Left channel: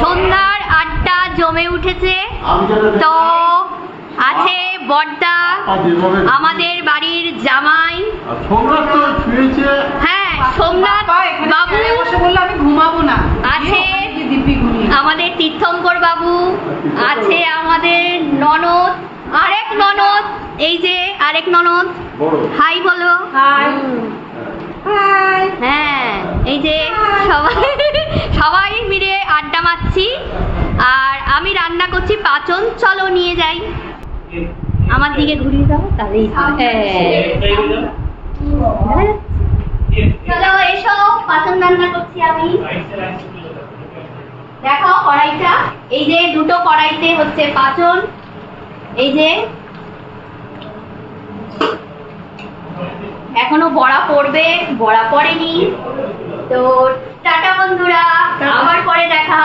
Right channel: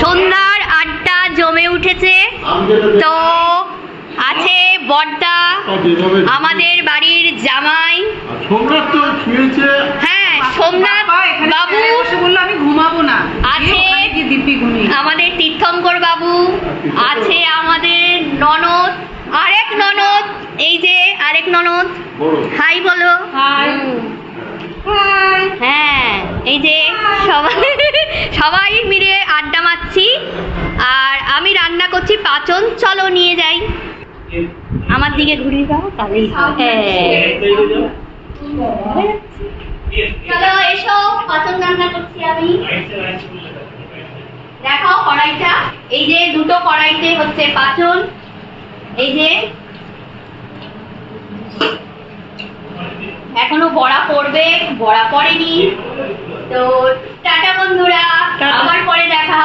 সন্ধ্যার আড্ডা জমে উঠেছে। তো আছে বড়দা, আমাদের বাড়ির জামাই। হ্যাঁ, সোমনাথ বাবু বললো আমি ঘুমাবো না, আছে, আমাদের তীর্থঙ্কর বাবু আছে, আমাদের ননদ, আরেক ননদ, এই যে আরেক ননদ, হাই বলো। হ্যাঁ, এই যে সবাই মিলে আড্ডা মারছি। আর আমি রান্না করছি পাচন। চলো নিয়ে যাই, আমার দিকে ঘুরিয়ে দাও তাহলেই। চলো এসো, পাচন রান্না করছি আমি। দেখো কড়াইটা, এই যে দুটো কড়াইতে হচ্ছে পাচন। এই যে এখনো বড়া পড়বে, বড়া পড়েনি। তো টাটা বন্ধুরা, আবার পরে দেখা